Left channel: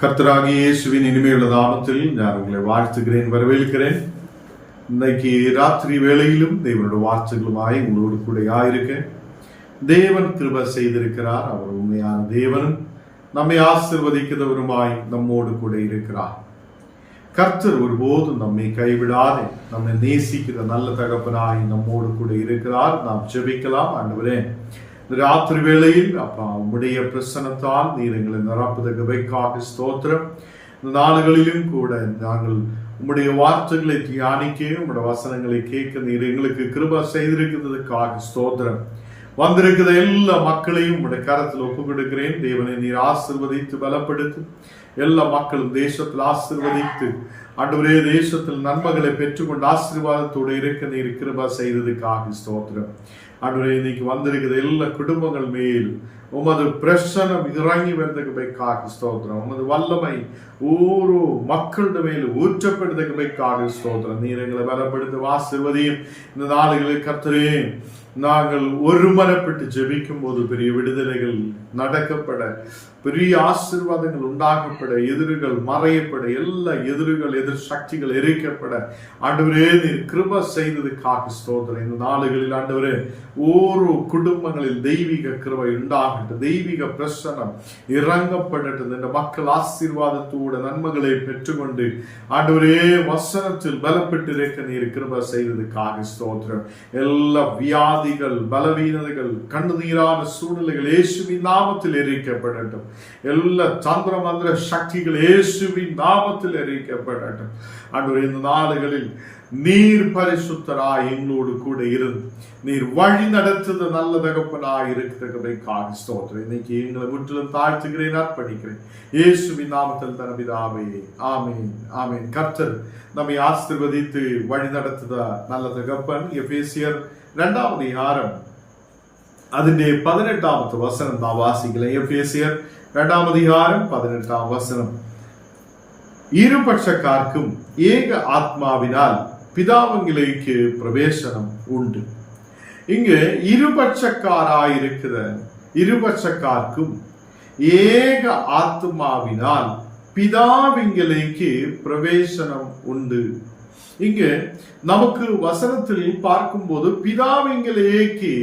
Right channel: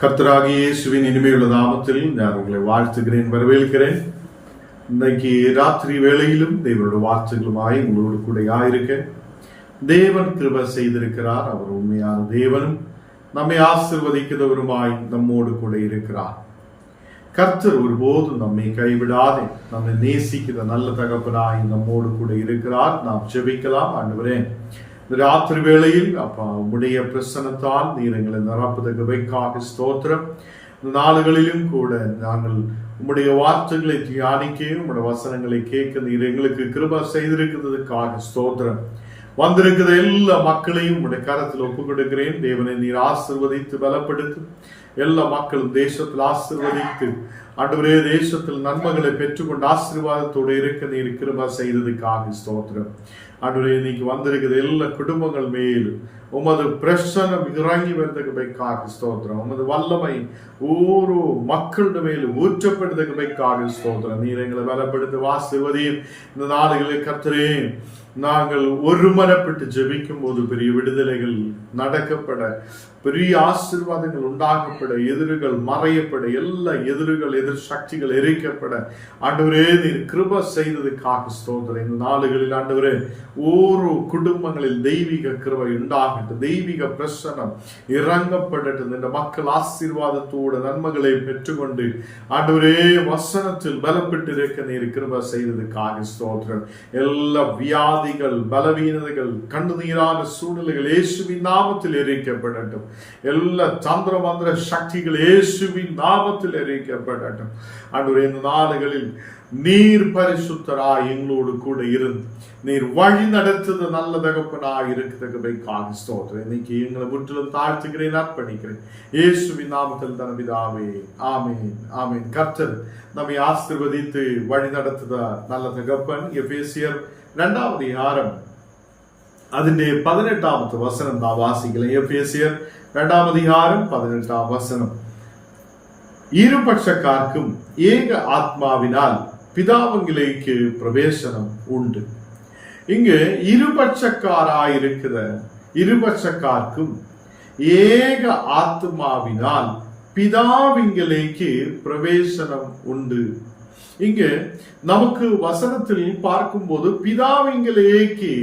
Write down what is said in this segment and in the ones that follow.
கர்த்தராகி இயேசுவின் இனிமையுள்ள தாமத்தில் நான் உங்களை வாழ்த்துகிறேன் வரவேற்கிறேன். இன்னைக்கு ராத்திரி வேளையிலும் தேவனோட வார்த்தைகளுமாய் உங்களோடு கூட ஆயிருக்க. தேவன் கிருப செய்திருக்கிறார் அவர் உண்மையான தேவனும் நம்மை ஆசிர்வதிக்கிறவருமாய் நம்மோடு கூட இருக்கிறார். கர்த்தர் ஒருபோதும் நம்மை கைவிடாதே நம்மை நேசிக்கிற நல்ல தகப்பனாய் நம்மோடு கூட இருக்கிறார். நாம் ஜெபிக்கலாம் அன்றுவரேன் இந்த ராத்திரி வேளையில் அப்பா உம்முடைய பிரசனத்தால் நீர் எங்களை நிரப்புதற்கு வைக்காக ஸ்தோத்திரம். இந்த நாடுகளிலும் கூட நாங்கள் உம்முடைய வார்த்தைகளை தியானிக்க உம்முடைய வசனங்களை கேட்க நீர் எங்களுக்கு கிருபா செய்திருக்கிறதுக்காக ஸ்தோத்திரம். வந்திருக்கிற எல்லா மக்களையும் உடைய கரத்தில் ஒப்பு கொடுக்கிறேன் தேவனை நீர் ஆசிர்வதித்து பலப்படுத்து. எல்லா மக்களும் தேசத்தில் ஆசிர்வதித்து. அன்றுவரே தேசத்தில் நன்மைகளை பெற்றுக்கொண்டு ஆசீர்வாதத்தோடு இருக்க நீர் கிருபா செய்ததுக்காக ஸ்தோத்திரம். அன்றுவரே இன்னைக்கு வந்திருக்கிற எல்லா குடும்பங்கள் மேல் உமது பிரசனம் இறங்கி வந்ததுக்கு பைக்காக ஸ்தோத்திரம். உமது வல்லமை ஓரோ மக்களுடைய மேல் ஊற்றப்படுறதுக்கு பைக்காக ஸ்தோத்திரம். நீர் எங்களை பலப்படுத்த ஆசிர்வதியும். இந்த நாடுகளை கத்துறேன் நாங்கள் ஒருமனப்பட்டு ஜெபிக்கும் போது பெரிய விடுதலைகள் நடக்கப்பட பெரிய ஆசீர்வாதங்கள் உண்டாகப்பட எதிர்கள் மறையப்பட எல்லா எதிர்கள் எதிர் சக்திகள் எரிக்கப்பட. ஆண்டவரே நீர் கிருப செய்ததுக்காக ஸ்தோத்திரம். இந்த நாடுகளில் ஆண்டவரே ஓரோ குடும்பங்களில் தெய்வீக கிருபை உண்டாகட்டும். தெய்வீக பிரசனம் இறங்கப்படட்டும். இந்த மக்கள் ஆசீர்வாதத்தோட நன்மைகளை பெற்றுக்கொண்டு ஆண்டவரே வசனத்தில் பலப்பட்டு இருக்க நீர் கிருப செய்ததுக்காக ஸ்தோத்திரம். எல்லா வியாதிகள் பலவீனதைகள் கண்ணுநீரான சூழ்நிலைகள் இயேசுவின் நாமத்தில் எரிக்கப்படட்டும். எல்லா சந்திர மந்திர சக்திகள் இயேசுவின் நாமத்தில் எரிக்கப்படட்டும் ஆண்டவரே இந்த நாடுகளில் நீர் பரிசுத்தராய் எங்களோடு கூட இருந்து நீர் வழி நடத்துது நல்ல தகப்பனாய் இருக்கிறதுக்காக ஸ்தோத்திரம் இன்னைக்கு எங்களை முற்றிலும் தாழ்த்துகிறேன் அர்ப்பணிக்கிறேன் இயேசுவின் நாமத்தில் தனபிதாவே ஆமேன் ஆமேன் கர்த்தர் நம்மை ஆசிர்வதித்து வழி நடத்துத நல்ல தகப்பன் எபேசியர் രണ്ടാമത് ഹാരം അതിന്റെ പതിനെട്ടാമത്തെ വസനം നാം വാസിക്കല இரண்டாம் அதிகாரம் பதினெட்டாம் வசனம் இருபட்சக்கார்க்கும் ஏக ஆத்மாவினால் பிதாவங்கிலேக்கு பிரவேசனம் உண்டு இங்கு இருபட்சக்காராயிருக்கிற இருபட்சக்கார்க்கும் ஏக ஆத்மாவினால் பிதாவிங்கிலேக்கு பிரவேசனம் உண்டு இங்கு நமக்கு வசனத்தில் பார்க்கும்போது பிதாவிங்கிலேக்கு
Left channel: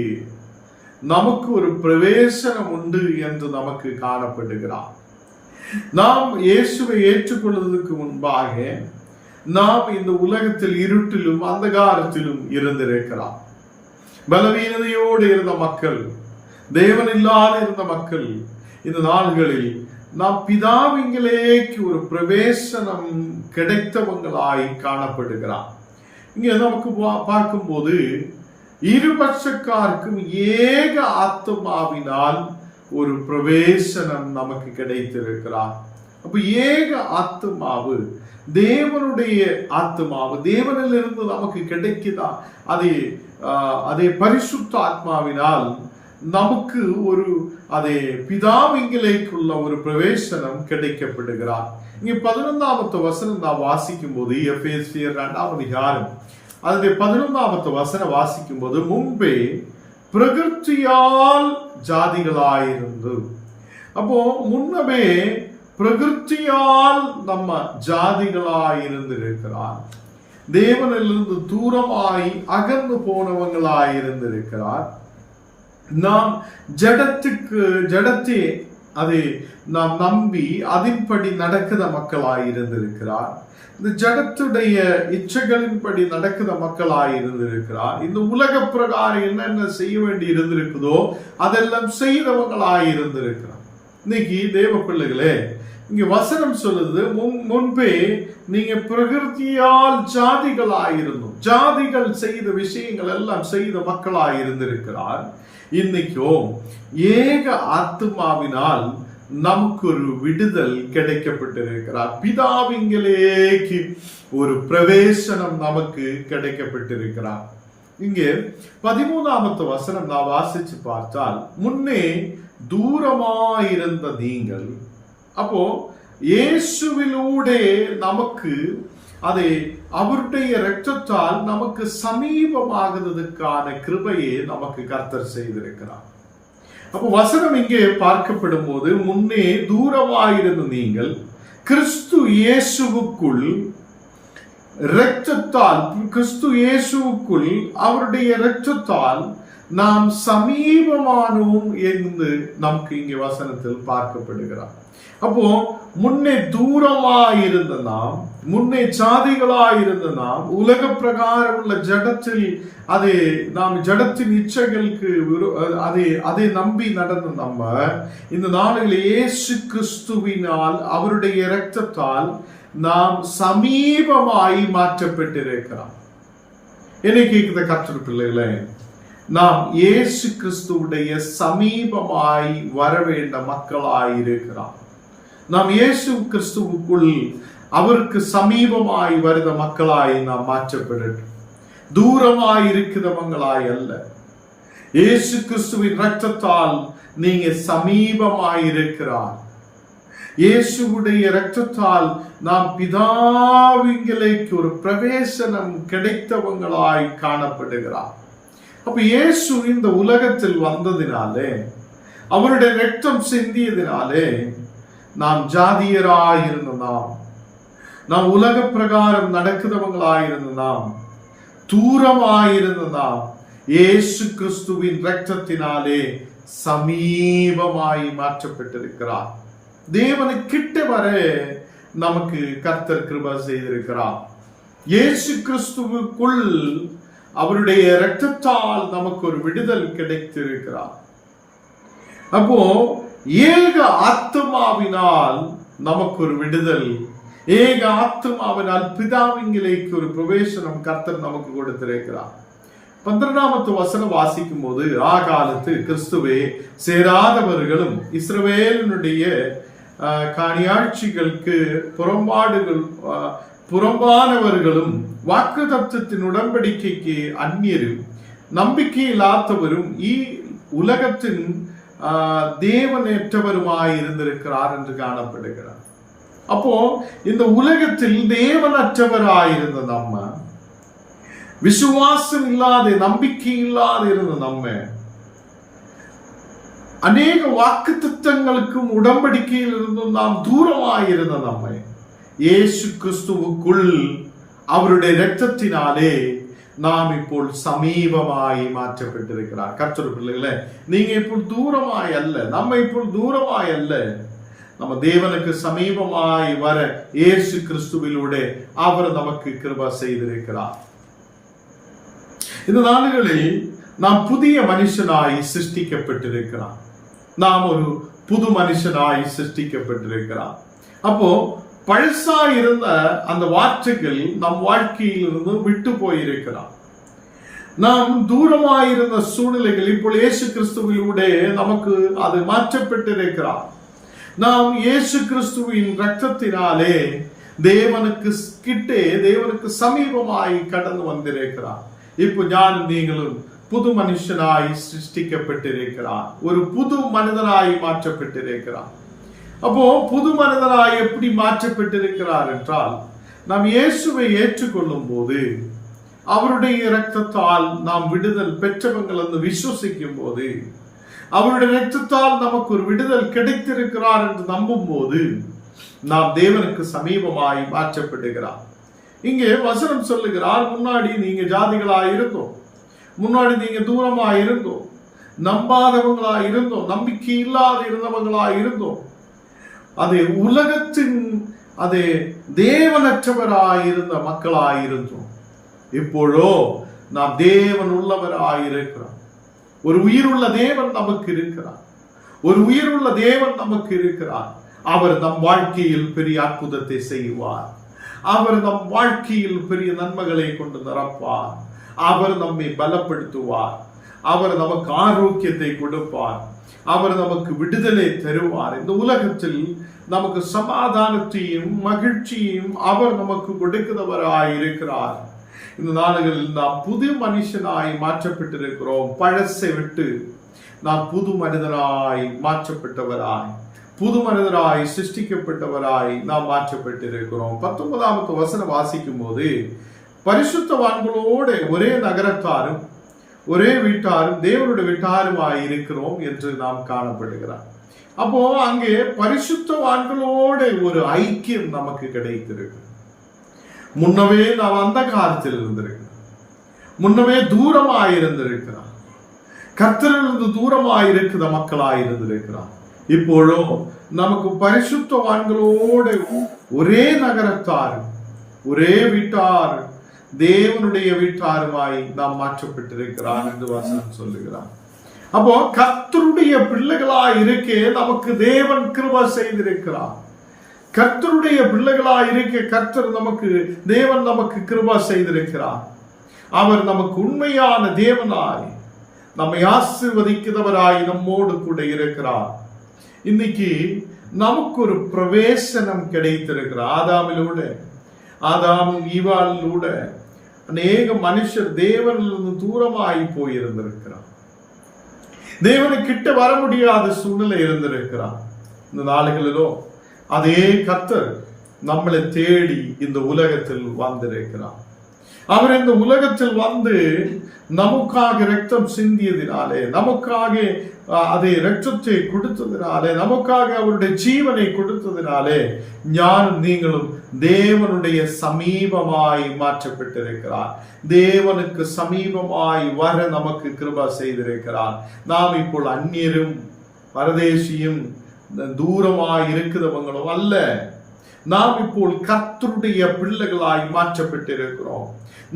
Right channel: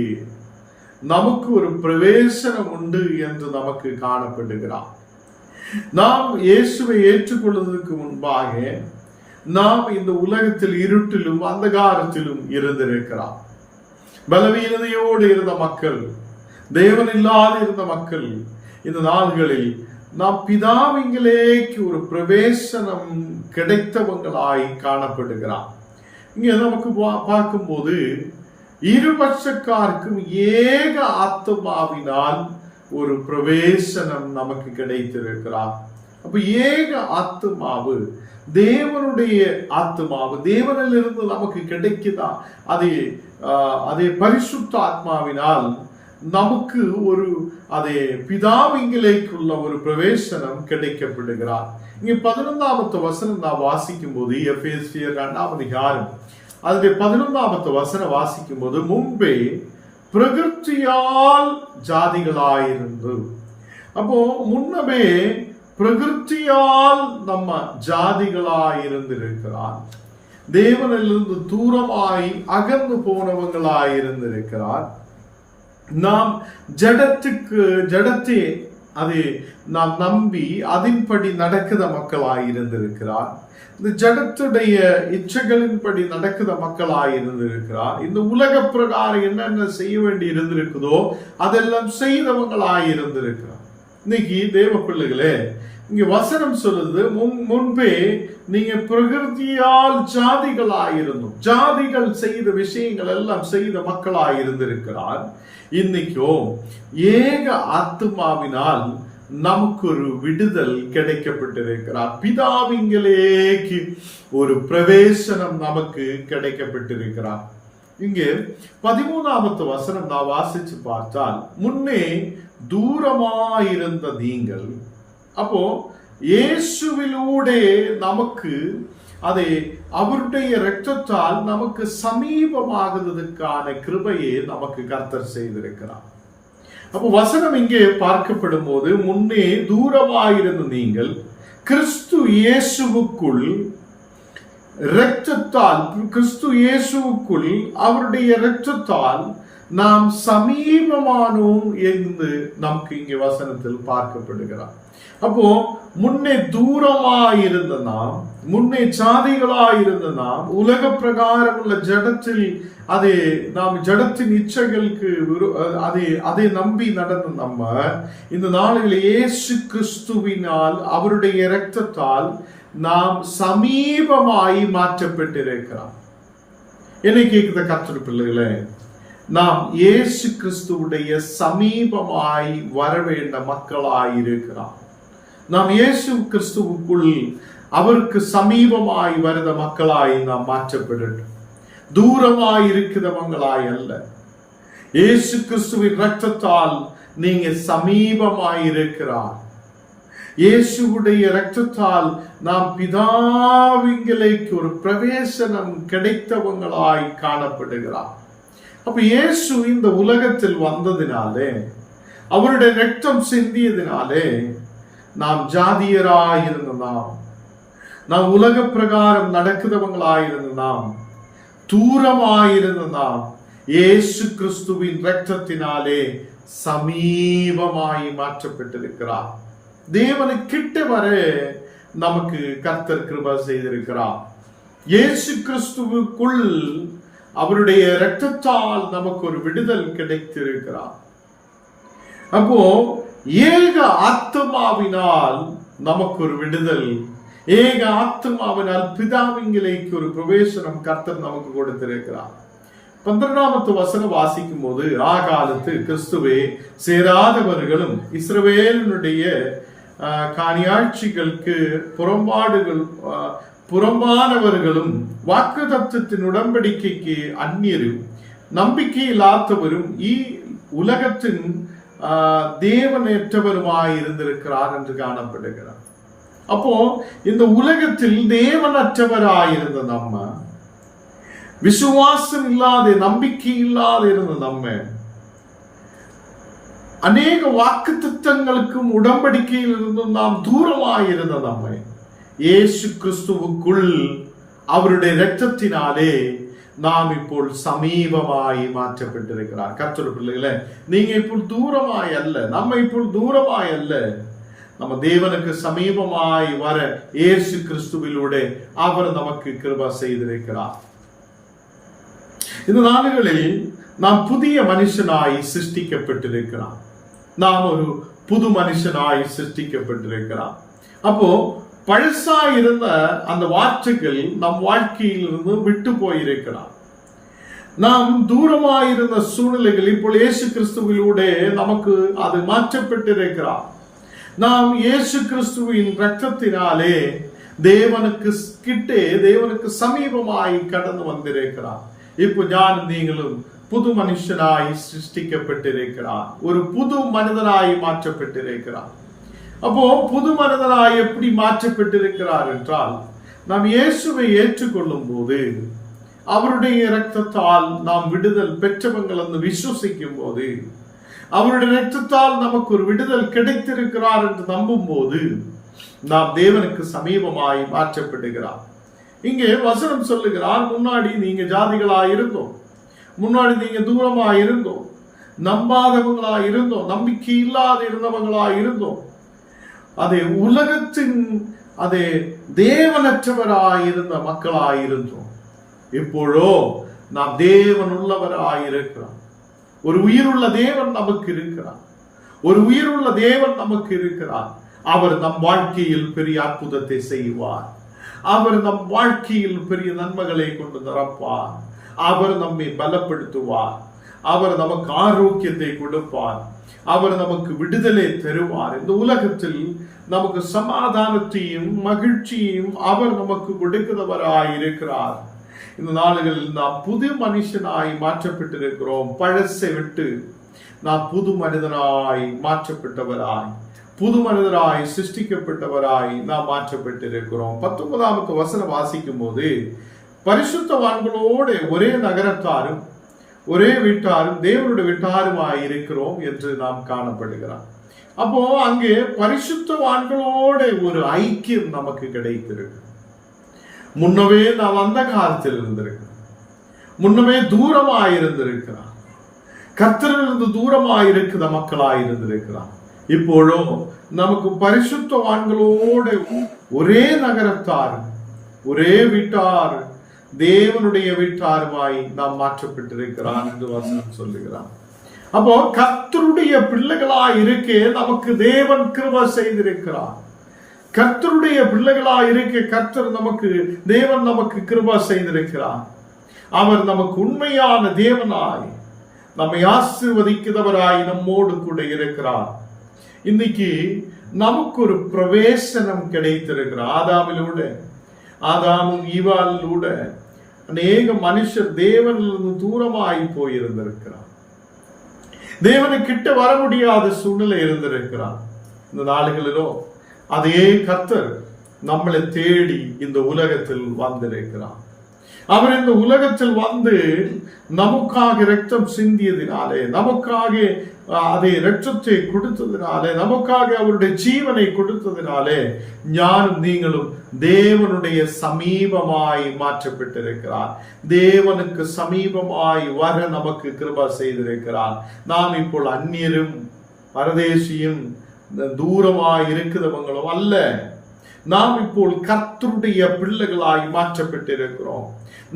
நமக்கு ஒரு பிரவேசனம் உண்டு என்று நமக்கு காணப்படுகிறார். நாம் இயேசுவை ஏற்றுக்கொள்வதற்கு முன்பாக நாம் இந்த உலகத்தில் இருட்டிலும் அந்தகாரத்திலும் இருந்திருக்கிறார். பலவீனதையோடு இருந்த மக்கள் தேவன் இல்லாத இருந்த மக்கள் இந்த நாள்களில் நாம் பிதாவிங்களேக்கு ஒரு பிரவேசனம் கிடைத்தவங்களாய் காணப்படுகிறார். இங்கே நமக்கு பார்க்கும்போது இருபட்சக்காருக்கும் ஏக ஆத்மாவினால் ஒரு பிரவேசனம் நமக்கு கிடைத்திருக்கிறார். அப்ப ஏக ஆத்மாவு தேவனுடைய ஆத்மாவு தேவனிலிருந்து நமக்கு கிடைக்குதா? அதே அதே பரிசுத்த ஆத்மாவினால் நமக்கு ஒரு அதே பிதாவிங்கிலேக்குள்ள ஒரு பிரவேசனம் கிடைக்கப்படுகிறார். இங்கே பதினொன்றாமத்து வசனம் நான் வாசிக்கும் போது எஃப்எஸ்டியர் ரெண்டாம் அதிகாரம் அதனுடைய பதினொன்றாவது வசனம் வாசிக்கும் போது முன்பே பிரகிருத்தியால் ஜாதிகளாயிருந்து. அப்போ முன்னமே பிரகிருத்தியால் நம்ம ஜாதிகளாயிருந்திருக்கிறார் தேவனிலிருந்து தூரமாய் அகர்ந்து போனவங்களாயிருந்திருக்கிறார் நாம் ஜடத்துக்கு ஜடத்தை அதை நாம் நம்பி அதன்படி நடக்கிற மக்களாக இருந்திருக்கிறார் இந்த ஜடத்துடைய இச்சைகளின்படி நடக்கிற மக்களாக இருந்திருக்கிறார் இந்த உலக பிரகாரம் என்னென்ன செய்ய வேண்டி இருந்திருக்குதோ அதெல்லாம் செய்தவங்களாக இருந்திருக்கிறார் இன்னைக்கு தேவ பிள்ளைகளே இங்க வசனம் சொல்லுது முன் முன்பே நீங்க பிரகிருதியால் ஜாதிகளாயிருந்தும் ஜாதிகள் செய்த விஷயங்கள் எல்லாம் செய்த மக்களாயிருந்திருக்கிறார். இன்னைக்கோ ஏக ஆத்மாவினால் நமக்கு ஒரு விடுதல் கிடைக்கப்பட்டிருக்கிறார். பிதாவிங்களேக்கு ஒரு பிரவேசனம் நமக்கு கிடைக்கப்பட்டிருக்கிறார். இங்கே பதிமூணாவது வசனம் நான் வாசிச்சு பார்த்தால் முன்னே தூரமாயிருந்த நீங்கள். அப்போ இயேசுவிலூடே நமக்கு அதை அவருடைய இரத்தத்தால் நமக்கு சமீபமாகிறதுக்கான கிருபையை நமக்கு கர்த்தர் செய்திருக்கிறார். அப்போ வசனம் இங்கே பார்க்கப்படும் போது முன்னே தூரமாயிருந்த நீங்கள் கிறிஸ்து இயேசுவுக்குள் இரத்தத்தால் கிறிஸ்து இயேசுவுக்குள் அவருடைய இரத்தத்தால் நாம் சமீபமானோம் என்று நமக்கு இங்கே வசனத்தில் பார்க்கப்படுகிறார். அப்போ முன்னே தூரமாயிருந்த நாம் முன்னே சாதிகளாயிருந்த நாம் உலக பிரகாரம் உள்ள ஜடத்தில் அதை நாம் ஜடத்தின் இச்சைகளுக்கு அதே அதை அதை நம்பி நடந்த நம்ம இந்த நாளில் இயேசு கிறிஸ்துவினால் அவருடைய இரத்தத்தால் நாம் சமீபமாய் மாற்றப்பட்டிருக்கிறோம். என்னை கேட்குத கற்ற பிள்ளைகளே நாம் இயேசு கிறிஸ்துவுடைய சமீபமாய் வர வேண்ட மக்களாய் இருக்கிறோம் நாம் இயேசு கிறிஸ்துவுக்குள் அவருக்கு சமீபமாய் வருத மக்களாய் நாம் மாற்றப்படட்டும். தூரமாய் இருக்கிறவங்களாய் அல்ல. இயேசு கிறிஸ்துவின் ரத்தத்தால் நீங்க சமீபமாய் இருக்கிறார். இயேசுவுடைய இரத்தத்தால் நாம் பிதாவிங்களுக்கு ஒரு பிரவேசனம் கிடைத்தவங்களாய் காணப்படுகிறார். அப்ப இயேசு இந்த உலகத்தில் வந்ததினாலே அவருடைய ரத்தம் சிந்தியதினாலே நாம் ஜாதியராயிருந்த நாம் நாம் உலக பிரகாரம் நடக்கிறவங்களாயிருந்த நாம் தூரமாயிருந்த நாம் இயேசு கிறிஸ்துவின் ரத்தத்தினாலே சமீபமாய் மாற்றப்பட்டிருக்கிறார். தேவனை கிட்ட வர நமக்கு கர்த்தர் கிருபா செய்திருக்கிறார். இயேசு கிறிஸ்துவுக்குள் அவருடைய இரத்தத்தால் நமக்கு ஒரு விடுதல் கிடைத்திருக்கிறார். அப்போ ஏக ஆத்மாவினால் நமக்கு ஒரு விடுதல் ஏக ஆத்மாவினால் பிதாவிங்கிலேக்கு ஒரு பிரவேசனம் கர்த்தர் நமக்கு கொடுத்திருக்கிறார். பந்திரநாமத்து வசனம் வாசிக்கும் போது காலத்து கிறிஸ்துவே சேராதவர்களும் இஸ்ரவேலினுடைய ஆ, காணியாட்சிகளுக்கு புறம்பாடுகள் புறம்பானவர்களும் வாக்கு தத்துவத்தின் உடன்படிக்கைக்கு அந்நியரும் நம்பிக்கையில்லாதவரும் ஈ உலகத்தின் தேவனற்றவருமாய் இருந்திருக்கிறார் என்று காணப்படுகிறார். அப்போ இந்த உலகத்தில் தேவனற்றவராயிருந்த நம்ம விசுவாசம் இல்லாத நம்பிக்கை இல்லாத இருந்த நம்ம அநேக வாக்கு திட்டங்களுக்கும் உடன்படிக்கையிலிருந்தும் நாம் தூரமாயிருந்த நம்மை. இயேசு கிறிஸ்துவுக்குள் அவருடைய இரத்தத்தினாலே நாம் இப்போ சமீபமாய் மாற்றப்பட்டிருக்கிறார். கர்த்தர் பிள்ளைகளை நீங்க இப்போ தூரமாய் அல்ல நம்ம இப்போ தூரமாய் அல்ல. நம்ம தேவனுக்கு சமீபமாய் வர இயேசு கிறிஸ்துவிலூட அவர் நமக்கு கிருபா செய்திருக்கிறார். இந்த நாடுகளில் நாம் புதிய மனுஷனாய் சிருஷ்டிக்கப்பட்டிருக்கிறார். நாம் ஒரு புது மனுஷனாய் சிருஷ்டிக்கப்பட்டிருக்கிறான் அப்போ பழசா இருந்த அந்த வார்த்தைகள் நம் வாழ்க்கையிலிருந்து விட்டு போயிருக்கிறான் நாம் தூரமாயிருந்த சூழ்நிலைகள் இப்போ இயேசு கிறிஸ்துவிலூடே நமக்கு அது மாற்றப்பட்டிருக்கிறார். நாம் இயேசு கிறிஸ்துவின் ரத்தத்தினாலே தேவனுக்கு கிட்டே தேவனுக்கு சமீபமாய் கடந்து வந்திருக்கிறார். இப்போ ஞானும் நீங்களும் புது மனுஷனாய் சிருஷ்டிக்கப்பட்டிருக்கிறார். ஒரு புது மனிதனாய் மாற்றப்பட்டிருக்கிறார். அப்போ புது மனிதனாய் எப்படி மாற்றப்பட்டிருக்கிறார் என்றால் நாம் இயேசுவை ஏற்றுக்கொள்ளும் போது அவருடைய இரத்தத்தால் நாம் விடுதல் பெற்றவங்கள் என்று விசுவசிக்கும் போது அவருடைய இரத்தத்தால் நமக்கு ஒரு விடுதல் கிடைத்திருக்கிறார் என்று நம்பும் போது நாம் தேவனுக்கு சமீபமாய் மாற்றப்படுகிறார். இங்கே வசனம் சொல்லுகிறார் முன்னாடி நீங்க ஜாதிகளாய் இருந்தோம் முன்னாடி நீங்க தூரமா இருந்தோம் நம்பாதவங்களா இருந்தோம் நம்பிக்கை இல்லாத இருந்தவங்களா இருந்தோம் அதே உலகத்தின் அது தேவனற்றவராய் இருந்த மக்களாய் இருந்தோம் இப்பொழோ நாம் தேவன் உள்ளவராயிருக்கிறோம் ஒரு உயிருள்ள தேவன் நமக்கு இருக்கிறார் ஒரு உயிருள்ள தேவன் நமக்கு இருக்கிறார் அவர் நம் வாழ்க்கையில் பெரிய அற்புதத்தை செய்வார். அவர் நம் வாழ்க்கையில் பெரிய நன்மைகளை கொண்டு நிரப்பார். அவர் நம்மை பலப்படுத்துவார். அவர் நமக்கு ஆரோக்கியத்தை கொடுப்பார். அவர் நமக்கு விடுதலை தருவார். இந்த உலகத்தில் நமக்கு சமாதானத்தையும் மகிழ்ச்சியையும் அவர் நமக்கு கொடுக்கிறவராய் இருக்கிறார். இந்த நாடுகளில் நாம் புது மனுஷனாய் மாற்றப்பட்டிருக்கிறோம். பழசை விட்டு நாம் புது மனிதனாய் மாற்றப்பட்டவராய் புது மனிதராய் சிருஷ்டிக்கப்பட்டவராய் நாம் மாற்றப்பட்டிருக்கிறோம். பத்தொன்பதாமத்து வசனம் வாசிக்கும் போது பரிசுத்தவான்களோடு ஒரே நகரத்தாரும் ஒரே வீட்டாரும் தேவனுடைய வீட்டாருமாய் இருக்கிறோம் என்று நாம் காணப்படுகிறார் அப்போ அங்கே பரிசுத்தவான்களோட ஒரு ஐக்கியம் நமக்கு கிடைத்திருக்கு முன்னவே நாம் அந்த காலத்தில் இருந்திருக்கிறோம். முன்னமே தூரமாக இருந்திருக்கிறான் கர்த்தரிலிருந்து தூரமாக இருக்கிற மக்களாக இருந்திருக்கிறான் இப்போழும் நமக்கு பரிசுத்தவான்களோட ஒரே நகரத்தார் ஒரே வீட்டார் தேவனுடைய வீட்டாருமாய் நாம் மாற்றப்பட்டிருக்கிறான் என்று வசனம் சொல்லுகிறான். அப்போ கர்த்தருடைய பிள்ளைகளா இருக்கே நமக்கு தேவன் கிருப செய்திருக்கிறார். கர்த்தருடைய பிள்ளைகளா இருக்க கர்த்தர் நமக்கு தேவன் நமக்கு கிருபா செய்திருக்கிறார். அவர் நமக்கு உண்மையான தேவனாய் நம்மை ஆசிர்வதிக்கிறவராய் நம்மோடு கூட இருக்கிறார். இன்னைக்கு நமக்கு ஒரு பிரவேசனம் கிடைத்திருக்கிறார். ஆதாமிலூட ஆதாமும் ஈவாலிலூட அநேக மனுஷர் தேவனிலிருந்து தூரமாகி போயிருந்திருக்கிறார். தேவனை கிட்ட வர முடியாத சூழ்நிலை இருந்திருக்கிறார். இந்த நாளுகளிலோ அதே கர்த்தர் நம்மளை தேடி இந்த உலகத்தில் வந்திருக்கிறார். அவர் இந்த உலகத்தில் வந்து நமக்காக ரத்தம் சிந்தியதினாலே நமக்காக அதை ரத்தத்தை கொடுத்ததினாலே நமக்காக அவருடைய ஜீவனை கொடுத்ததினாலே ஞானும் நீங்களும் தேவனுடைய சமீபமாய் மாற்றப்பட்டிருக்கிறார். தேவனுக்கு சமீபமாய் வர நமக்கு கிருபா செய்திருக்கிறார். நாம் இப்போ அந்நியரும் பரதேசியும் தூரமாய் இருக்கிறவங்களும் அல்ல நாம் இப்போ கர்த்தருடைய பிள்ளைகளாய் மாற்றப்பட்டிருக்கிறோம்.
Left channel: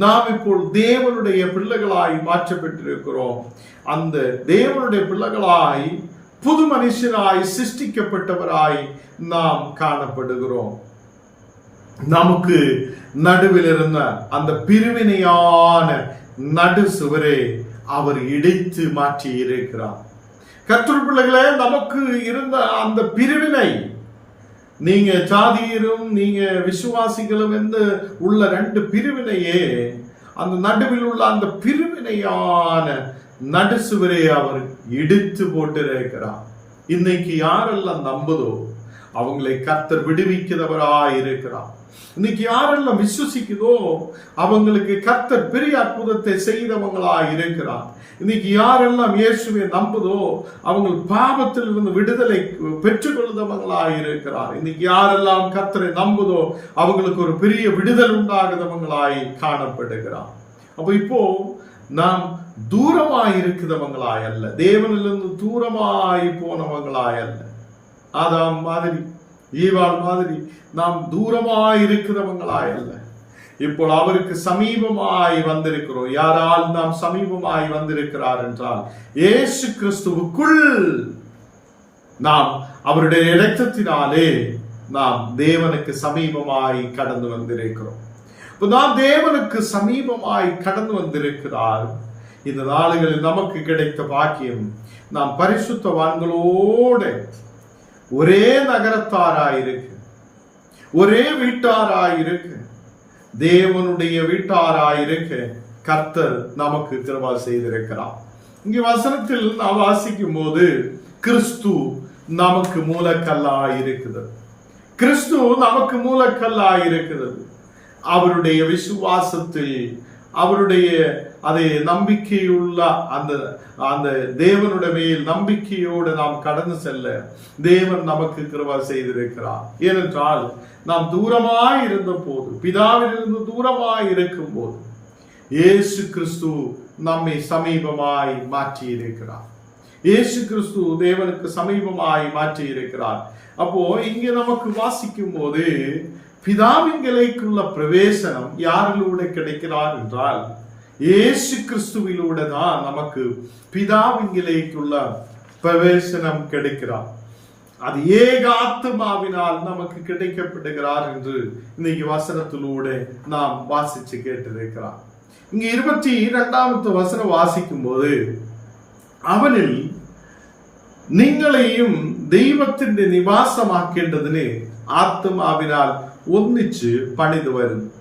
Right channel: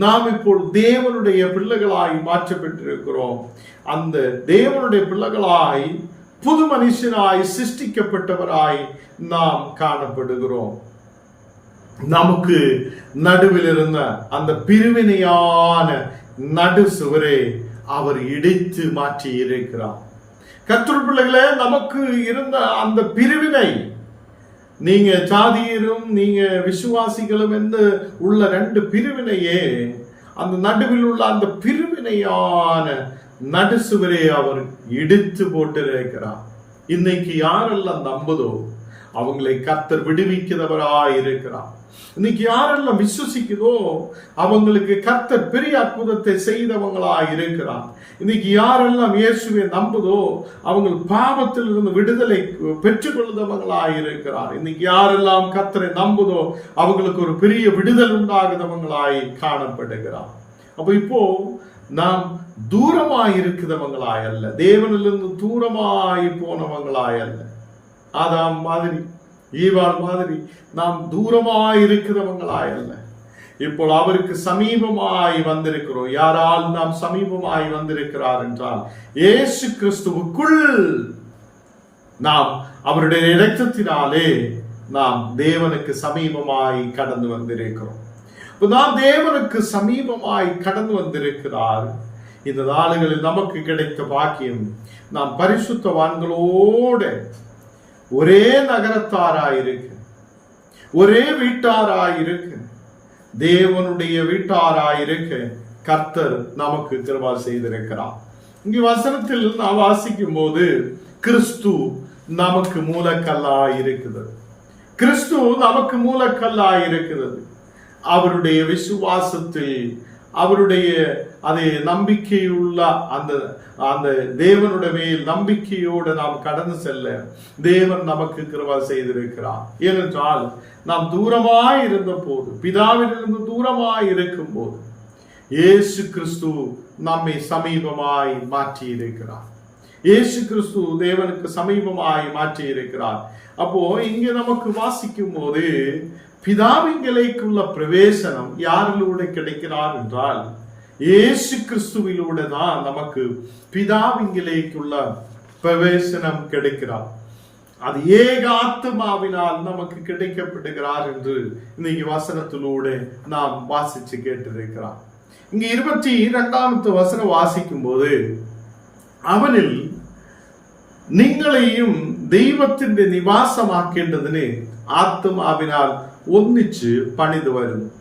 நாம் இப்போ தேவனுடைய பிள்ளைகளாய் மாற்றப்பட்டிருக்கிறோம். அந்த தேவனுடைய பிள்ளைகளாய் புது மனுஷனாய் சிருஷ்டிக்கப்பட்டவராய் நாம் காணப்படுகிறோம். நமக்கு நடுவில் இருந்த அந்த பிரிவினையான நடு சுவரே அவர் இடித்து மாற்றி இருக்கிறார் கத்திர பிள்ளைகளே நமக்கு இருந்த அந்த பிரிவினை நீங்க சாதியரும் நீங்க விசுவாசிகளும் என்று உள்ள ரெண்டு பிரிவினையே அந்த நடுவில் உள்ள அந்த பிரிவினையான நடுசுவரை அவர் இடித்து போட்டிருக்கிறார். இன்னைக்கு யாரெல்லாம் நம்புதோ அவங்களை கத்தர் விடுவிக்கிறவராய் இருக்கிறார் இன்னைக்கு யாரெல்லாம் விசுவசிக்குதோ அவங்களுக்கு கர்த்தர் பெரிய அற்புதத்தை செய்தவங்களா இருக்கிறார். இன்னைக்கு யாரெல்லாம் இயேசுவை நம்புதோ அவங்க பாவத்தில் இருந்து விடுதலை பெற்றுக்கொள்ளுதவங்களா இருக்கிறார். இன்னைக்கு யாரெல்லாம் கர்த்தரை நம்புதோ அவங்களுக்கு ஒரு பெரிய விடுதல் உண்டாகுதவங்களாய் காணப்படுகிறார். அப்போ இப்போ நாம் தூரமாய் இருக்கிறவங்களாய் அல்ல. தேவனிலிருந்து தூரமாய் போனவங்களாய் அல்ல. ஆதாம் மாதிரி ஈவாள் மாதிரி நாம் தூரமாய் இருக்கிறவங்களாய் அல்ல இப்போ அவருக்கு சமீபமாய் வந்திருக்கிறோம். யாரால் நாம் சமீபமாய் வந்திருக்கிறார் என்றால் ஏசு கிறிஸ்துவுக்குள் நாம் அவருடைய இரத்தத்தினாலே நாம் தேவனுக்கு சமீபமாய் கடந்து வந்திருக்கிறோம். இப்போ நாம் தேவனுக்கு சமீபமாய் கடந்து வந்திருக்கிறார். இந்த நாளுகளில் நமக்கு கிடைத்த பாக்கியம் நாம் பரிசுத்தவான்களோடு ஒரே நகரத்தாராயிருக்கு. ஒரே வீட்டாராயிருக்கு. தேவனுடைய வீட்டாராயிருக்கு. கர்த்தர் நமக்கு கிருபா செய்திருக்கிறார். இங்கே வசனத்தில் நாம் வாசிக்கும் போது கிறிஸ்து நமக்கு மூலக்கல்லா இருக்குது கிறிஸ்து நமக்கு மூலக்கல்லா இருக்கிறது அவருடைய விசுவாசத்தில் அவருடைய அதை நம்பிக்கையுள்ள அந்த அந்த தேவனுடைய மேல் நம்பிக்கையோடு நாம் கடந்து செல்ல தேவன் நமக்கு கிருபா செய்திருக்கிறார். ஏனென்றால் நாம் தூரமாய் இருந்த போது பிதாவிலிருந்து தூரமாய் இருக்கும் போது இயேசு கிறிஸ்து நம்மை சமீபமாய் மாற்றி இருக்கிறார் இயேசு கிறிஸ்து தேவனுக்கு சமீபமாய் மாற்றி இருக்கிறார் அப்போ இங்கே நமக்கு வாசிக்கும் போது பிதாவிங்கலைக்குள்ள பிரவேசனம் யாரிலூட கிடைக்கிறார் என்றால் യേശു ക്രിസ്തുവിലൂടെ നാം നമുക്ക് പിതാവിങ്കിലേക്കുള്ള പ്രവേശനം കിടക്കാം அது ஏகாத்மாவினால் நமக்கு கிடைக்கப்படுகிறார் என்று இன்னைக்கு வசனத்திலூടെ நாம் வாசிச்சு கேட்டிருக்கிறார் இங்க இருபத்தி இரண்டாமத்து வசனம் வாசிக்கும் போது அவனில் നിങ്ങളെയും ദൈവത്തിന്റെ നിവാസമാക്കേണ്ടതിന് ആത്മാവിനാൽ ഒന്നിച്ച് പണിതു വരുന്നു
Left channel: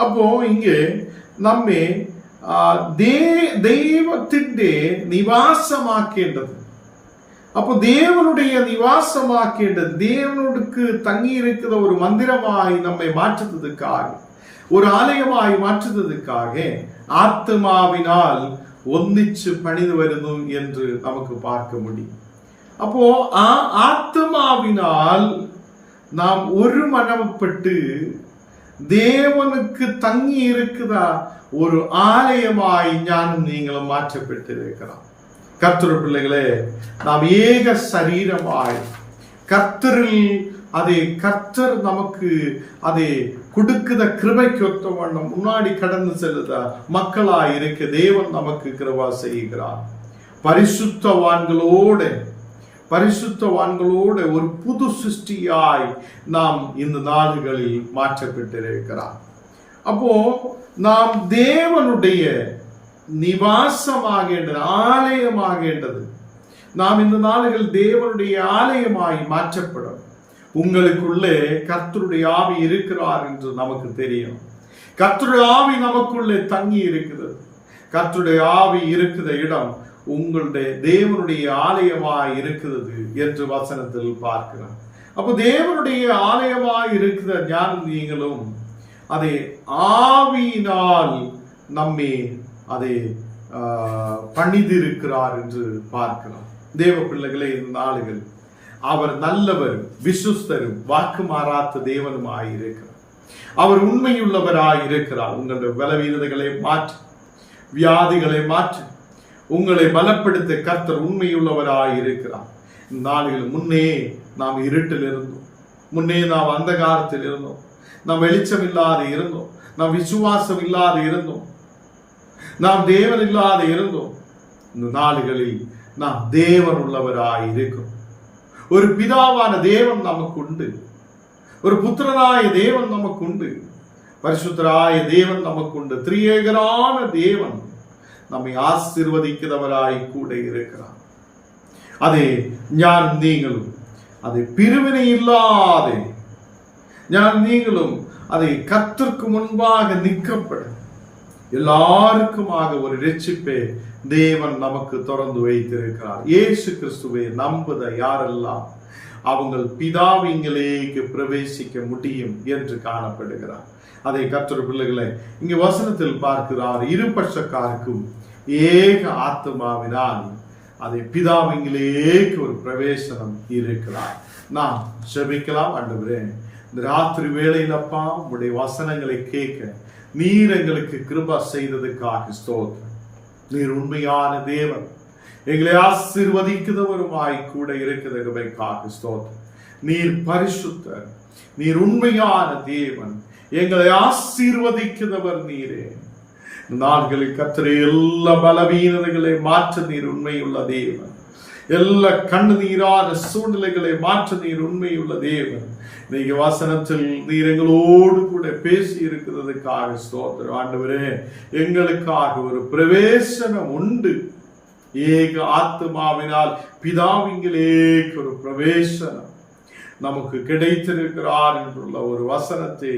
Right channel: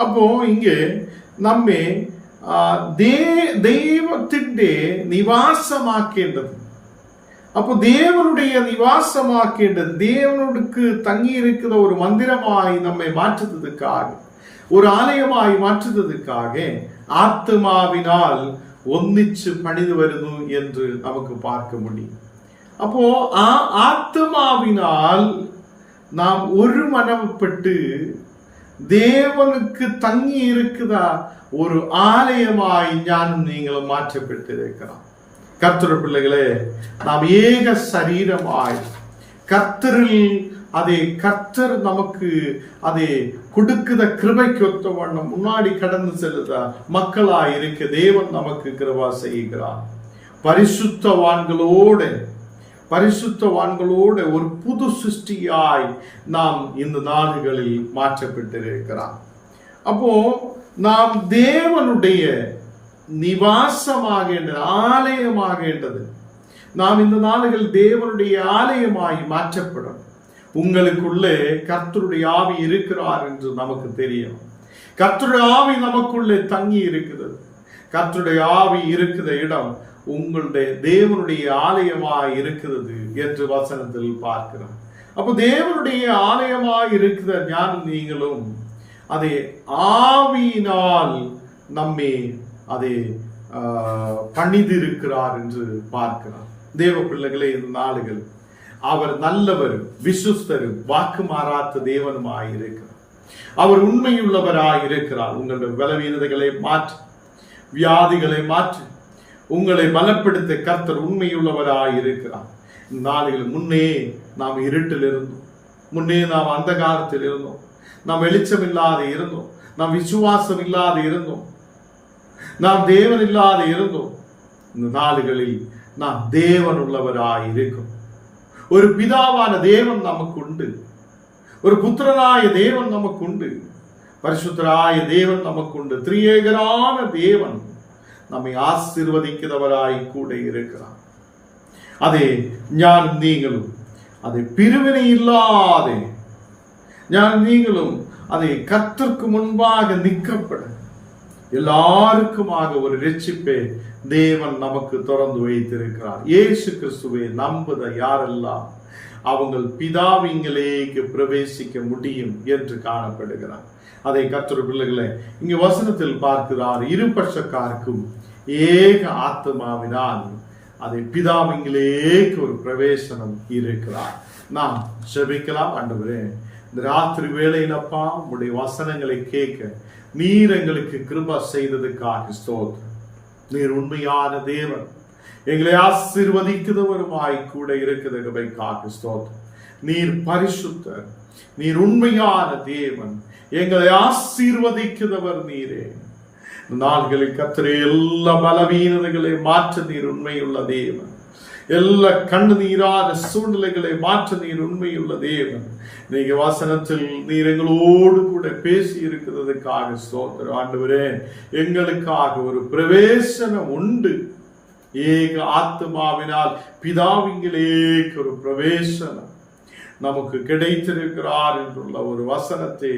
അപ്പോ ഇങ്ങ് നമ്മെ ദൈവത്തിൻ്റെ நிவாசமாக்கேண்டது அப்போ தேவனுடைய நிவாசமாக்கேண்டது தேவனுக்கு தங்கி இருக்கிற ஒரு மந்திரமாய் நம்மை மாற்றுறதுக்காக ஒரு ஆலயமாய் மாற்றுறதுக்காக ஆத்மாவினால் ஒன்னிச்சு பணிந்து வருது என்று நமக்கு பார்க்க முடியும் அப்போ ஆ ஆத்மாவினால் நாம் ஒரு மனப்பட்டு தேவனுக்கு தங்கி இருக்குதா ஒரு ஆலயமாய் ஞானம் நீங்களும் மாற்றப்பட்டிருக்கிறோம் கர்த்தர் பிள்ளைகளே நாம் ஏக சரீரமாய் கர்த்தரில் அதை கர்த்தர் நமக்கு அதை கொடுக்குத கிருபைக்கு ஒத்த வண்ணம் முன்னாடி கடந்து செல்லுத மக்களாய் இருக்க தேவன் நமக்கு கிருபா செய்கிறார். பரிசுத்தவான்களோடு பரிசுத்தவான்களோடு ஒரு புது சிருஷ்டியாய் நாம் இந்த நாடுகளில் மாற்றப்பட்டிருக்கிறார். அப்போ நாம் தேவனுடைய நிவாசமாகேண்டது ஆலயமாகேண்டது நாம் இந்த நாளுகள் தேவனுடைய ஆலயமாய் மாற்றப்படும். உங்களுக்குள்ளே கர்த்தருடைய ஆவி இருக்கிறார் என்று நமக்கு தெரியும். கர்த்தருடைய ஆவி நமக்குள்ளே தங்கி இருக்குது கர்த்தருடைய ஆவி இருக்கிற இடம் உங்களுடைய தேவனுடைய ஆலயமாய் இருக்கிறது என்று வசனத்தில் பார்க்கிறோம். அப்போ தேவனுடைய ஆலயமாய் இருக்கிற ஞானம் நீங்களும் அதை ஆவியினால் நம்மை அதை பண்ணிதிருக்கிறார் என்று பார்க்கிறோம். தேவ பிள்ளைகளே இந்த நாளுகள் அவர் நல்லவரும் விசுஸ்தரும் வாக்கு மாறாத்த தேவனுமாய் இருக்கிறார். அவர் உண்மையுள்ளவராய் இருக்கிறார். உங்களுடைய பலவீனதைகளை மாற்று வியாதிகளை மாற்று உங்களை பலப்படுத்த கர்த்தர் உண்மையுள்ளவராய் இருக்கிறார். நாளுகள் முன்னே நாம் இருட்டில் இருந்தோம். முன்னே நாம் அந்தகாரத்தில் இருந்தோம். நாம் வெளிச்சம் இல்லாது இருந்தோம். நாம் விசுவாசம் இல்லாது இருந்தோம். நாம் தேவன் இல்லாது இருந்தோம். இந்த நாடுகளில் நாம் தேவன் உள்ளவராய் இருக்கிறோம். ஒரு பிதாவான தேவன் நமக்கு உண்டு ஒரு புத்திரனாய தேவன் நமக்கு உண்டு பரிசுத்தராய தேவன் நமக்கு உண்டு திரியேகரான தேவன் நம்மை ஆசிர்வதிக்கிறவராய் கூட இருக்கிறார். அதே ஞான் நீங்களும் அதை பிரிவினை இல்லாதே நான் நீங்களும் அதை கத்திற்கு முன்பாக நிற்கப்பட எல்லாருக்குமாக ஒரு ரட்சிப்பை தேவன் நமக்கு திறந்து வைத்திருக்கிறார் இயேசு கிறிஸ்துவை நம்புத யாரெல்லாம் அவங்கள் பிதாவிங்களேக்கு பிரவேசிக்க முடியும் என்று காணப்படுகிறார் அதை கத்துற பிள்ளைகளை இங்கு வசனத்தில் பார்க்கிறார் இருபட்சக்காருக்கும் ஏக ஆத்மாவினால் அதை பிதாவிங்களேக்கு ஒரு பிரவேசனம் இருக்கிறார் நாம் செபிக்கலாம் ஆண்டவரே இந்த ராத்திரி வேளையிலப்பா உடைய வசனங்களை கேட்க நீர் எங்களுக்கு கிருபா செய்ததுக்காக ஸ்தோத்திரம். நீர் உண்மையான தேவன். எங்களை ஆசிர்வதிக்கிறவருமாய் கூட இருக்கிறதுக்காக ஸ்தோத்திரம். நீர் பரிசுத்தர். நீர் உண்மையான தேவன். எங்களை ஆசீர்வதிக்கிறவர் நீரே. நாள்களில் கத்திர எல்லா பலவீனதைகளை மாற்ற நீர் உண்மையுள்ள தேவன். எல்லா கண்ணு நீரான சூழ்நிலைகளை மாற்ற நீர் உண்மையுள்ள தேவன். இன்னைக்கு வாசனத்தில் நீர் எங்களோடு கூட பேசி இருக்கிறதுக்காக ஸ்தோத்திரம். ஆண்டவரே எங்களுக்காக ஒரு பிரவேசனம் உண்டு. ஏக ஆத்மாவினால் பிதாவிங்களேக்கு ஒரு பிரவேசனம். நமக்கு கிடைத்திருக்கிறார் என்றுள்ள ஒரு வசனத்தை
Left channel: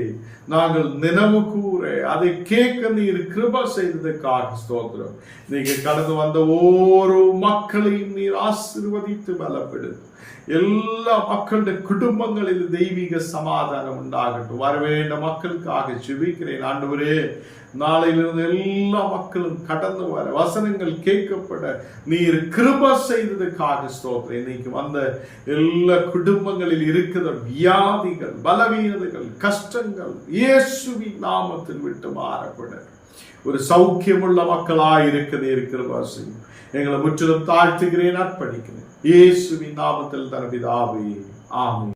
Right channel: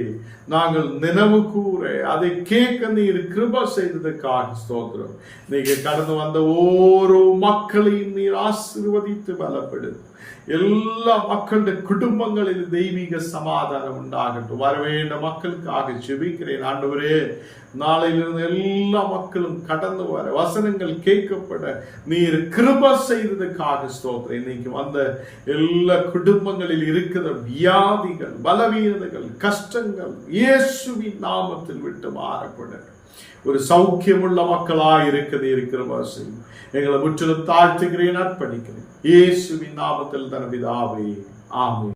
நாங்கள் நினைவு கூற அதை கேட்க நீர் கிருப செய்ததுக்காக ஸ்தோத்திரம். நீங்க கடந்து வந்த ஓரோ மக்களையும் நீர் ஆசிர்வதித்து பலப்படு எல்லா மக்களுடைய குடும்பங்களில் தெய்வீக சமாதானம் உண்டாகட்டும். வரவேண்ட மக்களுக்காக ஜெபிக்கிறேன். ஆண்டவரே நாளையிலிருந்து எல்லா மக்களும் கடந்து வர வசனங்கள் கேட்கப்பட நீர் கிருப செய்ததுக்காக ஸ்தோத்திரம். இன்னைக்கு வந்த எல்லா குடும்பங்களில் இருக்கிற வியாதிகள் பலவீனதைகள் கஷ்டங்கள் இயேசுவின் நாமத்தில் விட்டு மாறப்பட. ஒரு சௌக்கியமுள்ள மக்களாய் இருக்கிறது இருக்கிற வாசி எங்களை முற்றிலும் தாழ்த்துகிறேன் அர்ப்பணிக்கிறேன். இயேசுவின் நாமத்தில் தனபிதாவே ஆமே